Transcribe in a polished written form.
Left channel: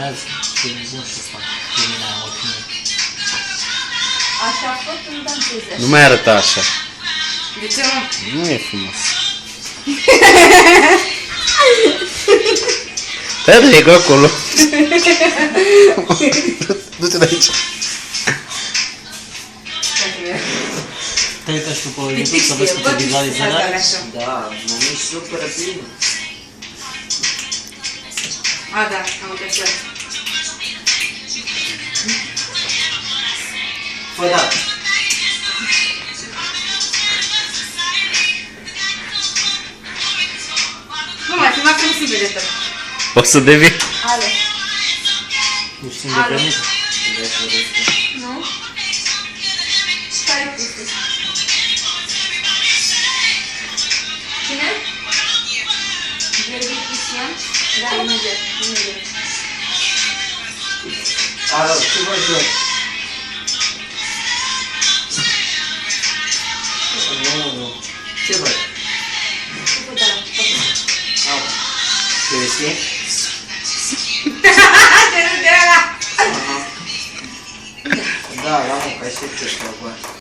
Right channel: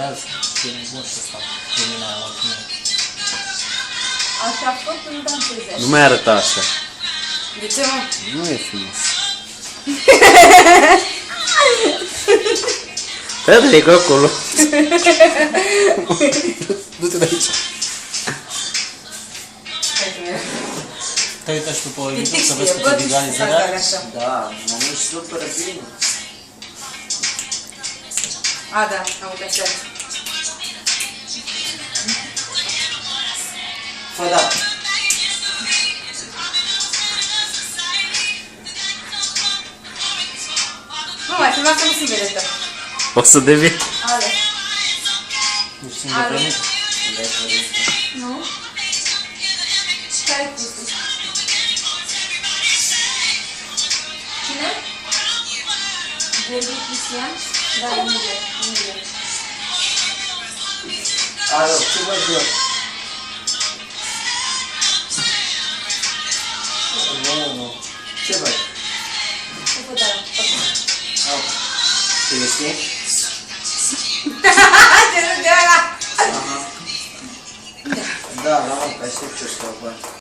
filmează, e nebun și ăsta, pe mine aia mulțumesc. Așa a fost în danseze. Nu mai arăta așa. De ce, mă? Nu e frumos. Te dai că acolo. Du-te de aici. Te uita și tu pe YouTube Pitici să vezi fie, câte bă, vizualizări asta are? așa. Da, mă mișc super bine. A, da, uite așa. Păi da. Nu mai filma că nu sunt vedetă. O să devii. Ale. Ești independent? Nu? Care-i pustul? Cine? Gheorghe Cristian? Da, imediat. Alo, ce vă jur? Nu. Ce văd? Ce văd ala? Au. Ce este? Ce nu de ala? Da, la mă, că ai știut ce-și